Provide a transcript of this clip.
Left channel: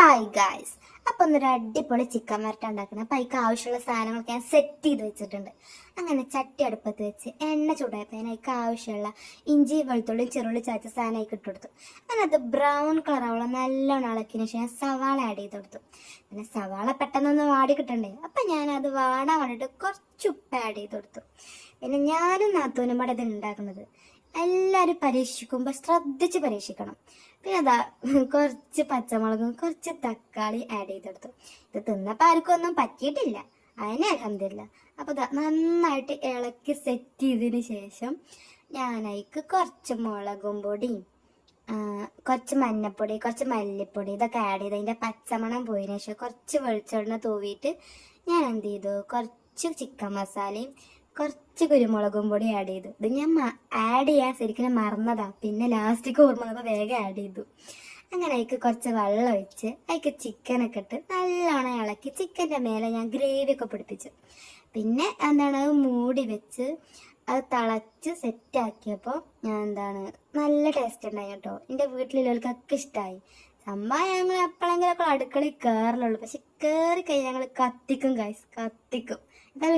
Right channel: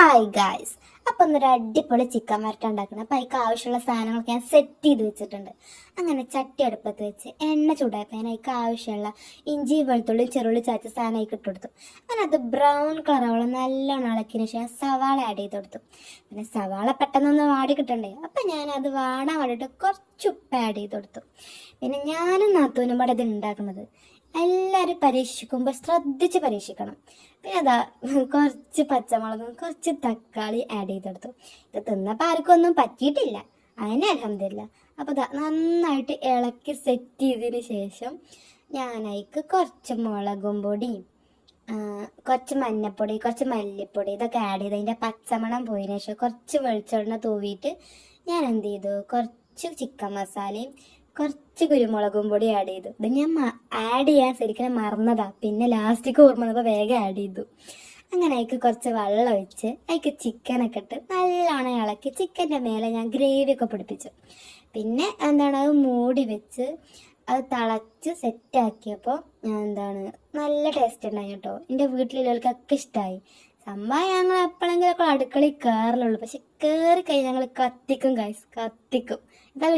Hi guys, അപ്പം ഒന്നൊരു അടിപൊളി ചിക്കൻ വരട്ട ഉണ്ടാക്കണം. അപ്പം അതിക്ക് ആവശ്യമുള്ള സാധനങ്ങളൊക്കെ ഞാൻ സെറ്റ് ചെയ്ത് വെച്ചിട്ടുണ്ട്. അങ്ങനെ ചട്ടി അടുപ്പത്ത് വെച്ച് എണ്ണ ചൂടാക്കാൻ അതിക്ക് ആവശ്യമുള്ള ഇഞ്ചി വെളുത്തുള്ളി ചെറുള്ളി ചതച്ച സാധനം അതിക്ക് ഇട്ട് കൊടുത്തു. അങ്ങനെ അത് ബ്രൗൺ കളറാവോളം നല്ലോണം ഇളക്കിയതിന് ശേഷം സവാള ആഡ് ചെയ്ത് കൊടുത്തു. പിന്നെ സവാള പെട്ടെന്നൊന്ന് വാടി കിട്ടണ്ടേ, അപ്പം ഞാനത് വാടാൻ വേണ്ടിയിട്ട് കുറച്ച് ഉപ്പ് ആഡ് ചെയ്ത് കൊടുത്തു. പിന്നെ ഞാനും നാത്തൂനും കൂടെ ഇത് ഉണ്ടാക്കുന്നത്. എല്ലാവരും പരീക്ഷിക്കുമ്പോൾ ശ്രദ്ധിച്ച് പരീക്ഷിക്കണം. പിന്നെ അതാ കുറച്ച് പച്ചമുളകും കുറച്ച് തക്കാളി ആഡ് ചെയ്തെടുത്തു. ഇത് തിന്നപ്പോൾ ആർക്കും ഒന്നും പറ്റിയിട്ടില്ല, അതിനെ അൽഹംദുലില്ലാ. അപ്പോൾ ഇതാ നന്നായിട്ട് ഇളക്കി സെറ്റ് ചെയ്തതിന് ശേഷം ഞാനതിക്ക് കുറച്ച് മുളകും പൊടിയും കുറച്ച് മഞ്ഞൾപ്പൊടി കുറച്ച് മല്ലിപ്പൊടി ഇതൊക്കെ ആഡ് ചെയ്ത് അതിൻ്റെ പച്ചമണം പോയതിനു ശേഷം കുറച്ച് വെളിച്ചെണ്ണ തൂവിയിട്ട് ഞാൻ എന്ത് ചെയ്തു, കുറച്ച് ചിക്കൻ മസാലയും കുറച്ച് കുരുമുളകും പൊടി ആഡ് ചെയ്തു. ഇത് ഞാൻ ആഡ് ചെയ്യാൻ ശരിക്കും മറന്നതാ, പിന്നെ ലാസ്റ്റിക്ക് ഓർമ്മ വന്നപ്പോൾ വേഗം ആഡ് ചെയ്തു. അങ്ങനെ അതിക്ക് കുറച്ച് വെള്ളം ഒഴിച്ച് അതിക്ക് ചിക്കനൊക്കെ ഇട്ട് നല്ലോണം ഇളക്കി ചിക്കൻ്റെ മേലെ ഞാൻ ഗ്രേവി ഒക്കെ പിടിപ്പിച്ചു. പിന്നെ അത് മൂടി വെച്ച് അത് തിളച്ച് സെറ്റാക്കിയപ്പോൾ നല്ല ടേസ്റ്റ് ഉണ്ടായി കേട്ടോ. എൻ്റെ വീട്ടിലുള്ളവർക്കൊക്കെ ഇഷ്ടമായി. സംഭവം ഞങ്ങൾ എപ്പോഴെങ്കിലൊക്കെ അടുക്കളയിൽ കയറലുള്ളൂ, പക്ഷെ കയറി കഴിഞ്ഞ് ഞങ്ങൾ കത്തിക്കും ഗൈസ്, കത്തിക്കും. എന്താ